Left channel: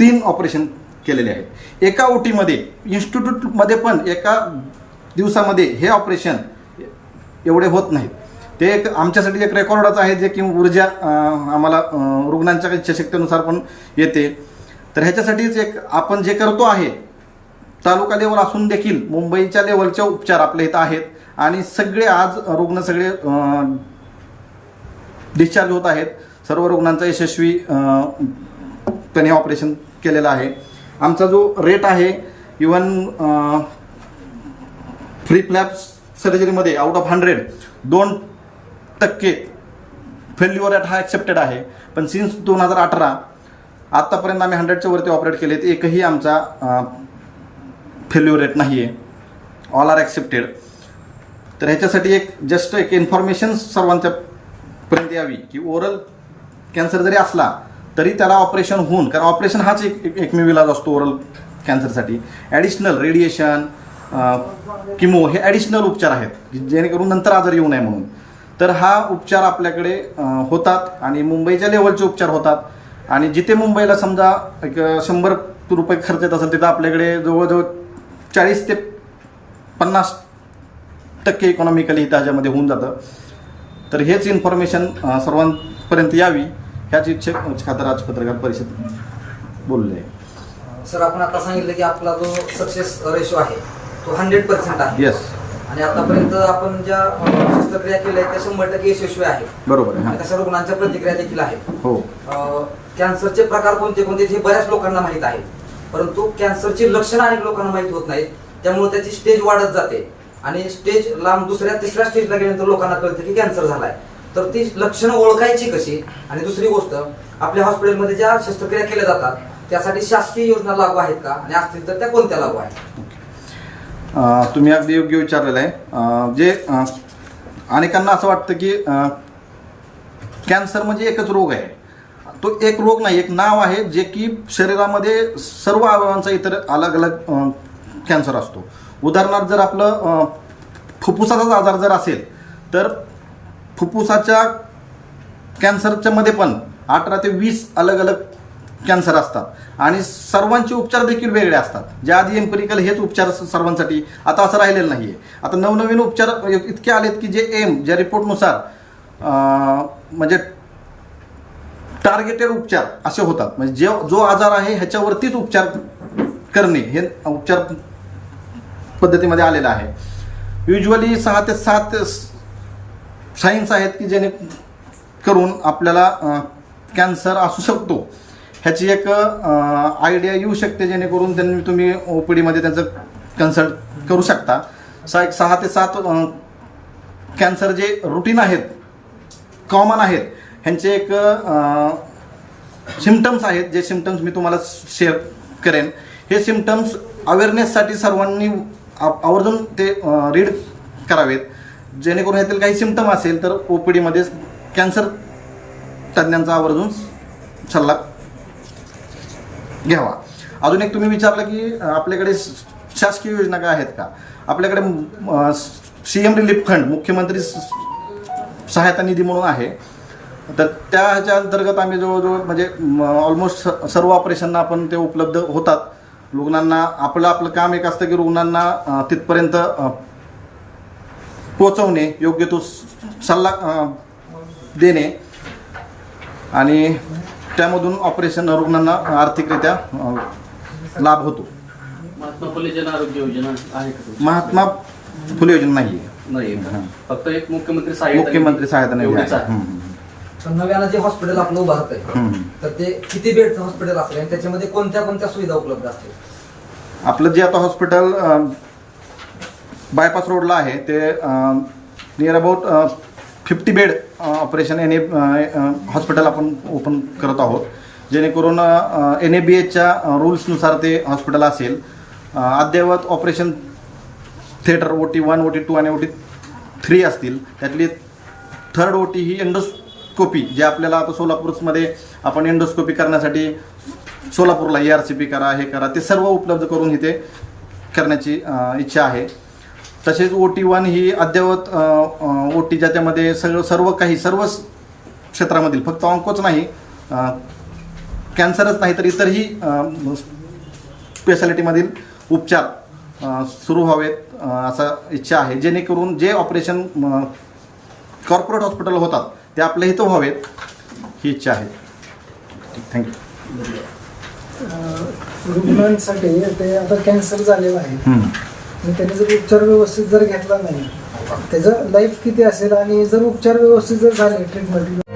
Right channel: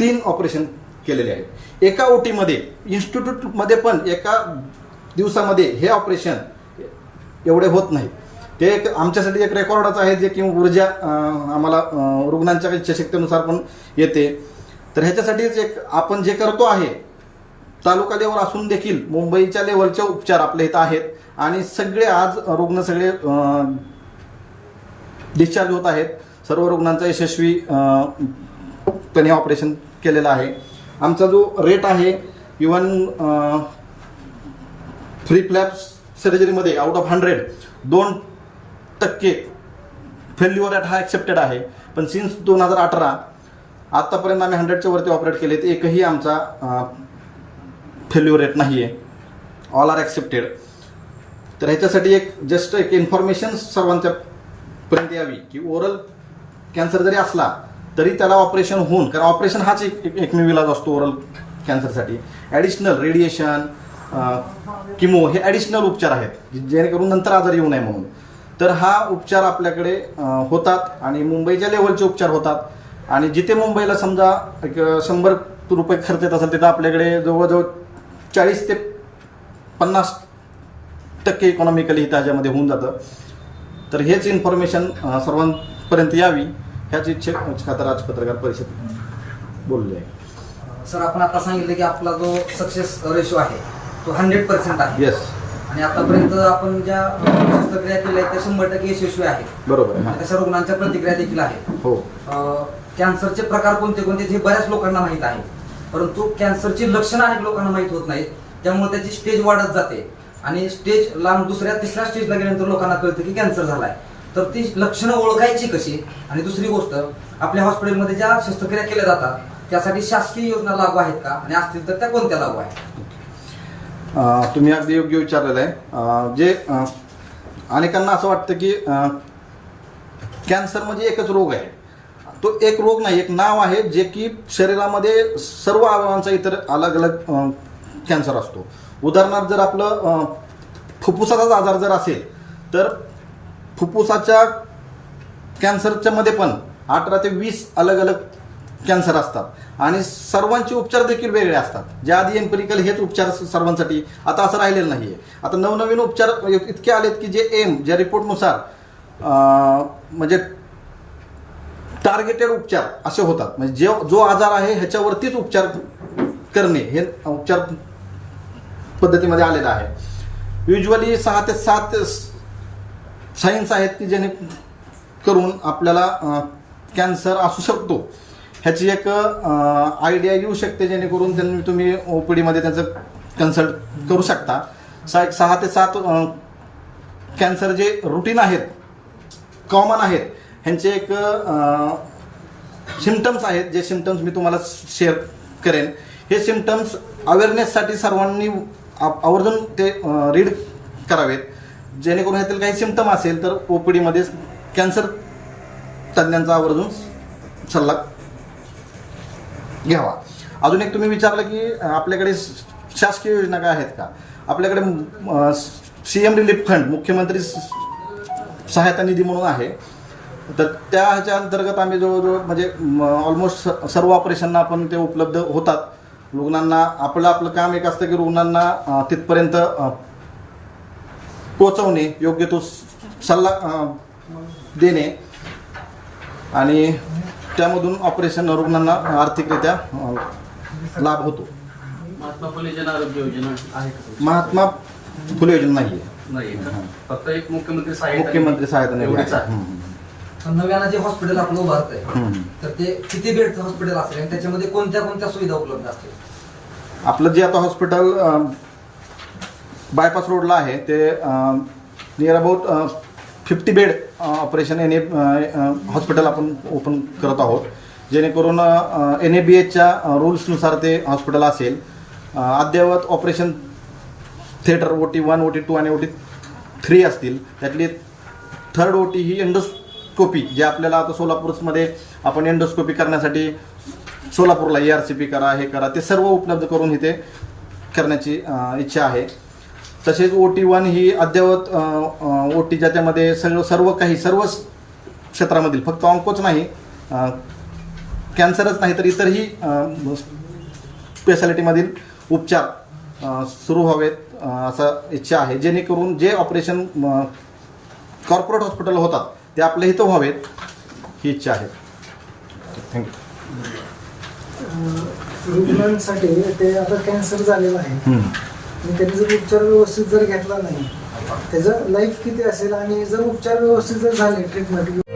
तीन ऑपरेशन केलेले आहेत. एका ओटीमध्ये इन्स्टिट्यूटमध्ये पण एका दिवसामध्ये हे ऑपरेशन एवढे होत नाहीत. ते एक आमच्यासाठी एक रेकॉर्डच आहे जे की ऊर्जा आम्हाला रुग्णांच्या इच्छाशक्तीनुसार पण येते. तर ह्याच्यासाठीच एक आपण जे करतो आहे तालुका लेवल असून देखील मुंबईच्या लेवलचे उपचार आपल्या इथं आहेत आणि सगळे आज रुग्ण सगळे डिस्चार्ज होत आहेत. सर्व रुग्णांचा यशस्वी अं, ऑपरेशन केलेलं आहे. आमचा जो रेट आहे इवन फ्री फ्लॅप सर्जरीमध्ये आउट ऑफ हंड्रेड दोन टक्के फेल्युअर रेट हा ॲक्सेप्टेड आहे. पण सिन्स दोन हजार अठरा आत्तापर्यंत आम्ही हंड्रेडच्या वरती ऑपरेट केलेत एकही आमचा फेल्युअर रेट नाही आहे ऑल आर ॲक्सेप्टेड तर ह्याच्यासाठी एक जस्ट एक इन्फॉर्मेशन सर्वांच्या पर्यंत यावी की ओरल कॅन्सर जरी असला तरी त्याला ऑपरेशन होऊन कारण ऑपरेशन हाच एक एकमेव इलाज असतो ओरल कॅन्सरसाठी ॲडिशनल रेडिएशन किमो हे ॲडिशनल उपचार आहेत जेणेकरून नंतर आजार येऊ नये म्हणून. तर हा उपचार आपल्याकडे होतात आणि मुंबईच्या लेवलचे उपचार होतात. आणि जिथे मुंबईला समजा एक शंभर रुपये खर्च येत असेल तिथं आपल्याकडे जवळजवळ चाळीस ते पन्नास टक्के इकॉनॉमिकली त्याच्यामध्ये होऊन जातं. तर हेच इन्फॉर्मेशन सर्वांपर्यंत यावी. ह्याच इच्छे खातर आज पत्रकार परिषद बोलले. सर आपण आता सांगितलं की आपला जो सक्सेस रेशो आहे तो हंड्रेड पर्सेंट आहे. येस आणि आतापर्यंत आपण ज्या शस्त्रक्रिया केल्या त्या शंभर टक्के यशस्वी आहे. बरोबर आहे तशा रुग्णांच्या प्रतिक्रिया देखील आहेत हो. अं, कॅन्सरचे प्रकार कोणते कोणते हे बऱ्याच लोकांना माहीत आहे. परंतु कॅन्सरची लक्षणं अनेक लोकांना माहीत होत नाहीत. त्यामुळे त्याची स्टेज वाढत जाते. आणि स्टेज लांब दुसऱ्या तिसऱ्या स्टेजला गेल्यानंतर लोकांना कळतं की कॅन्सर झालाय. तर ती लक्षणं ओळखायची कशी? आणि दुसरी गोष्ट आपल्या हॉस्पिटलमध्ये ज्या शस्त्रक्रिया केल्या जातात त्यासाठी शासकीय योजना लागू आहेत का? आणि असतील तर त्या कोणत्या लागू आहेत? तुम्ही अगदी योग्य विचारलेलं आहे. जे अनेकांना असं वाटतं की कॅन्सर म्हणजे एकच रोग आहे. तो एक रोग नाही एक नाव आहे जे की शरीरामध्ये सर्व अवयवांचा इतर अलग अलग कॅन्सर असतो. उदाहरणार्थ जर आपलं फुफ्फुसाचाच आजार जर असेल तर फुफ्फुसाच्या कॅन्सरच्या मध्ये पण अठरा ते वीस अलग अलग कॅन्सर असतात. आणि सर्वांचे उपचार देखील वेगळे असतात. ज्या आधी एम्पेरिकल हेच उपचार सर्वांसाठी आता असं राहिलेलं नाहीये. आता नवनवीन उपचार इतके आलेत की जे एम ज्या रिपोर्टनुसार म्हणजे टार्गेटेड उपचार असे होतात. म्हणजे जे जो आजार आहे ह्याच्यावरतीच उपचार करणे हे उपचार पद्धतीमध्ये आलेलं आहे. युजली सहा ते सात सायन्स आहेत की ज्याने करून आपल्याला कॅन्सर असू शकतो. ह्याची एक आयडिया येऊ शकते जेणेकरून त्यांनी तुम्ही ओपीडीमध्ये त्यांचं कन्सल्ट करू शकता. सा एक सहा ते सात कॅन्सर जे रुटीन आहेत कॉमन आहेत ह्यांचे एक सिमटम्स आहेत. जे सिमटम्स मी तुम्हाला शेअर करेन. हे सिमटम्स अवेअरनेससाठी सर्वांनी आ- आवर्जून ते रीड करावेत. जेणेकरून यातील काही सिमटम असेल तर ओपीडीमध्ये कॅन्सर तज्ज्ञांचा आवर्जून सल्ला घ्यावा. अजून एक तुम्ही विचारलं की आपल्याकडे शासकीय योजना काय आहेत का? आपल्याकडे सीएम रिलीफ फंड मुख्यमंत्री स- सहायता निधी म्हणून आहे. तर त्या ह्याच्या अंतर्गत आम्ही जवळजवळ म्हणजे ऑलमोस्ट सर्व ऑपरेशनना आपण ते उपलब्ध होतात. रुग्णांना आपलं आपलं काम एक असतं की रुग्णांना तिथपर्यंत पोचवणे योग्य तो सल्ला देणे आणि त्यामधून ऑपरेशन रुग्णांना आर्थिकरित्या लाभ होतो. महात्मा फुले जन आरोग्य योजना आहे? महात्मा फुले योजना नाही नाही. फक्त एक मुख्यमंत्री सहायता मुख्यमंत्री सहायता तर नव्यानं जे हॉस्पिटल आपलं उभारत आहे. तर ते किती बेडचं हॉस्पिटल असेल? आणि त्याच्यामध्ये कोणत्या कोणत्या सुविधा उपलब्ध असतील? आपलं जे आता हॉस्पिटल बायपास रोडला आहे. ते near about fifty bed operation N A hospital आपण ओपन करत आहोत. जेणेकरून एन ए बी एचच्या रूल्सनुसार ते हॉस्पिटल असेल. अद्ययावत operation theatre O T one O T two आणि ओ टी थ्री असतील. त्यातली थर्ड ओ टी ही एंडोस्कोपी जे आपल्याला आता सोलापूरमध्ये आपण एंडोस्कोपी करण्यासाठी सोलापूरला ए आर सी पी करा हे करा ते सर्व उपलब्ध करून इथे करण्याची इच्छा आहे. तसेच ओ टी वन ही अद्ययावत ओ टी ज्याच्यामध्ये सगळं सर्व काही सर्व क्षेत्रामधील फक्त अंकोच नाही कॅन्सरच नाही तर इतरही स्पेशालिटीमधील उपचार सुरू व्हावेत असं इच्छा आहे. जेणेकरून जे ऑपरेशन कॉर्पोरेट हॉस्पिटल होतात ते आपल्या इथं व्हावेत ही इच्छा आहे. थँक्यू रुग्णांसाठी ते आता कॅन्सर झालेला आहे. त्याने जर उपचार व्यवस्थित जर घेतला नाही त्याचं लाईफ किती असेल आणि जर उपचार व्यवस्थित जर झाले ट्रीटमेंट